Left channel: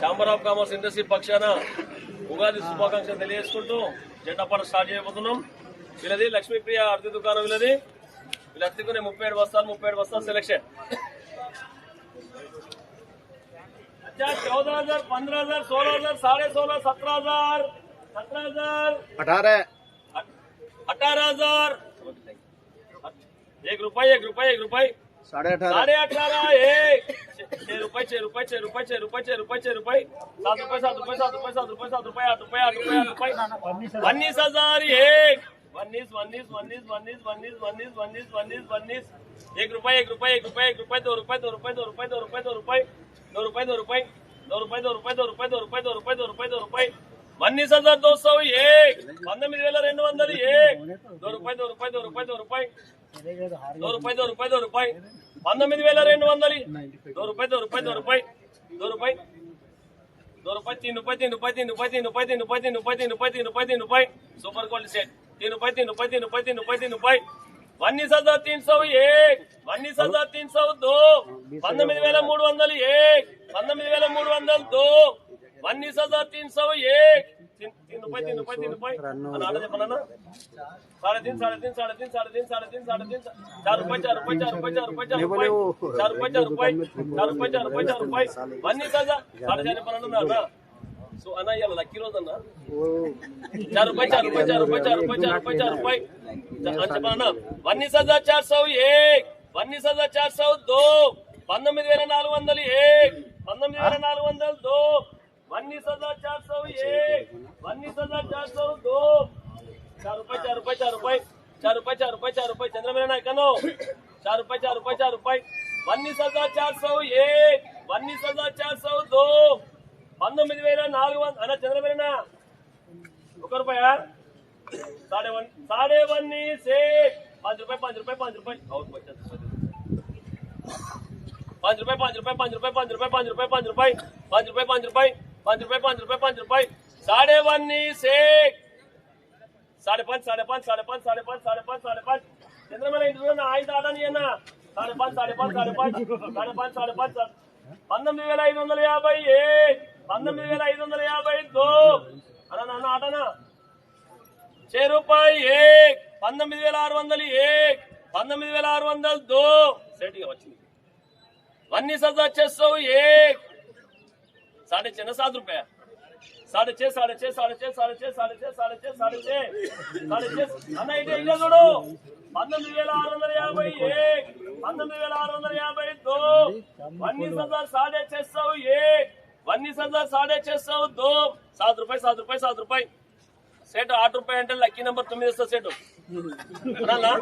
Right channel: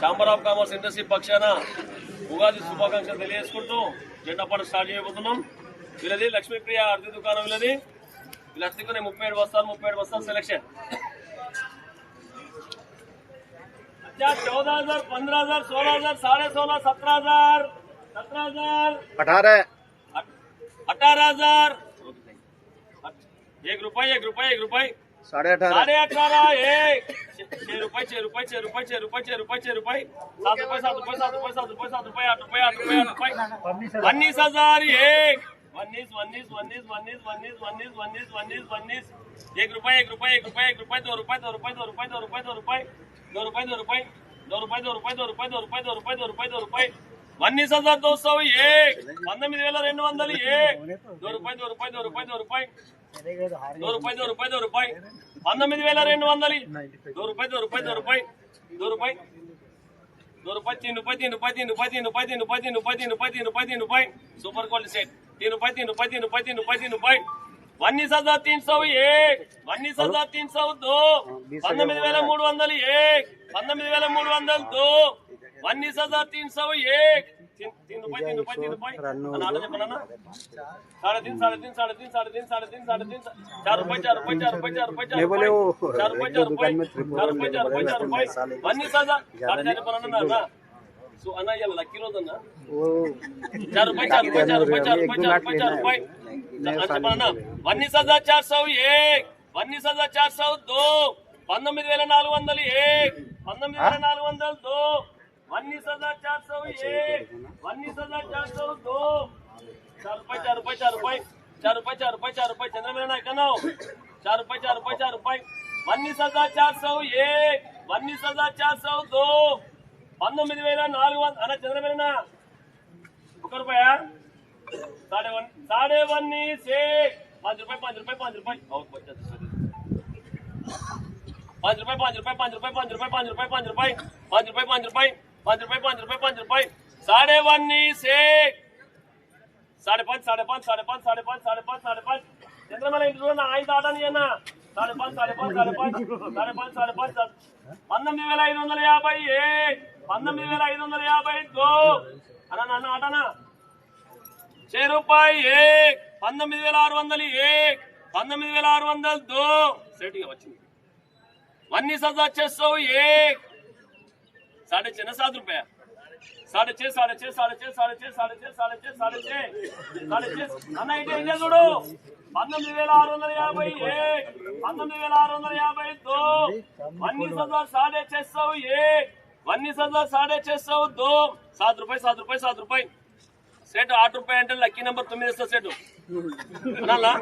Chamber of commerce industry పక్షాన ఉగాది శుభాకాంక్షలు తెలియజేసుకుంటూ జెండా పాట స్టార్ట్ చేయబోతున్నాం. వీళ్ళది లక్ష్మీప్రియ అర్ధి దుకాణం. వీళ్ళది వీళ్ళ అర్ధికునే 37 బస్తాలు సెలెక్షన్. 14,000, 15,000, 16,000, 16,500, 17,000, 17,000, 18,000, 1 रुपये 18,500, 18,500, 6 रुपये 6 रुपये 6 रुपये 6 रुपये 6 रुपये 6 रुपये 7 रुपये 7 रुपये 7 रुपये 7 रुपये 7 रुपये 8 रुपये 8 रुपये 8 रुपये 19,000, 1 रुपये 1 रुपये 1 रुपये 1 रुपये 2 रुपये 2 रुपये 2 रुपये 2 रुपये 2 रुपये 2 रुपये 2 रुपये 2 रुपये 2 रुपये 2 रुपये 2 रुपये 2 रुपये 2 रुपये 2 रुपये 19,200, 19,200, 2 रुपये 2 रुपये 2 रुपये 2 रुपये 2 रुपये 2 रुपये 2 रुपये 19,200, 2 रुपये 2 रुपये 2 रुपये 2 रुपये 2 रुपये 3 रुपये 3 रुपये 3 रुपये 3 रुपये 3 रुपये 3 रुपये 3 रुपये 3 रुपये 3 रुपये सुपर क्वालिटी सेट 3 रुपये 3 रुपये 3 रुपये 3 रुपये 3 रुपये 19,301, 19,302, 19,301, 19,302, 19,301, 3 रुपये 3 रुपये 3 रुपये अनाड़ा बनाना 3.5 4 रुपये 4 रुपये 4 रुपये 4 रुपये 4 रुपये 4 रुपये 4 रुपये 4 रुपये 19,000 4 बनाना ना सो अना ये लकी रोज ना 4 रुपये 4 रुपये 4 रुपये 4 रुपये 4 रुपये 4 रुपये अच्छा बनाना 19,401, 19,402, 19,401, 19,402, 19,401, 19,402, 4 रुपये 4 रुपये 4 रुपये 4 रुपये 4 रुपये 4 रुपये चंद्रमेना कनो 4 रुपये 4 रुपये 4 रुपये 19,401, 19,402, 19,400 अना चंद्रमेना 1 रुपया 1.5 से 5 रुपये 5 रुपये 5 रुपये और 5 रुपये 5 रुपये 5 रुपये 5 रुपये 5 रुपये 5 रुपये 5 रुपये 5 रुपये 5 रुपये 5 रुपये 5 रुपये 1.5 से 5.5 5.5 चंद्रमेला इंటి చూడనా 5 ఆటని అన్న 5.5 19,550, 19,552 అన్న నాన్న ఆటనా 6 रुपये 19,601, 19,602 सेटिंग వచ్చింది 19,601, 7.5 रुपया 6.5 అన్న ఇదే చూడు 19,651, 19,652, 19,601, 19,602, 7 रुपये 7 रुपये 7 रुपये सेट 8 रुपये అంటే లక్కీ నెంబర్ 9 ఇస్తా సెట్ అన్నా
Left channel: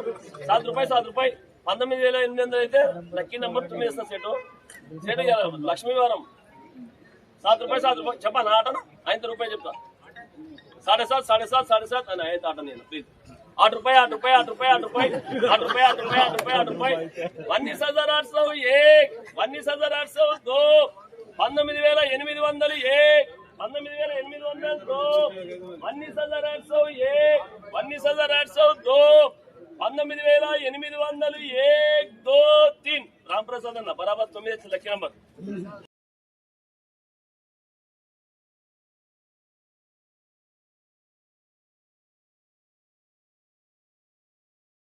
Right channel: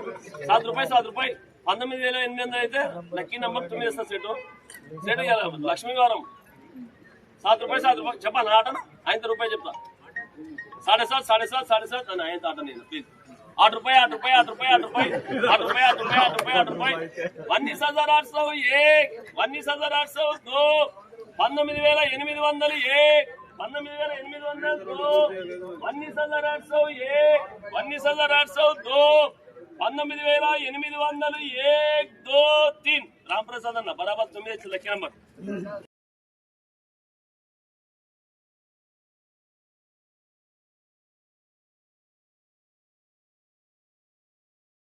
7 रुपये 7 रुपये 19,800 అయితే లక్కీ నెంబర్ 9 ఇస్తా సెట్ సెట్ లక్ష్మీవారం 7 रुपये 7 रुपये చెప్పనా ఆటనా 5 रुपये చెప్తా 7.5 అని 5 ఆట నేను ప్లీజ్ 8 रुपये 8 रुपये 8 रुपये 8 रुपये 8 रुपये 8 रुपये 8 रुपये 8 रुपये 19,801, 19,802, 19,801, 19,802, 19,801, 19,802, 19,801, 1 2 3 रामप्रसाद अन्न बराबर 9 लकी नंबर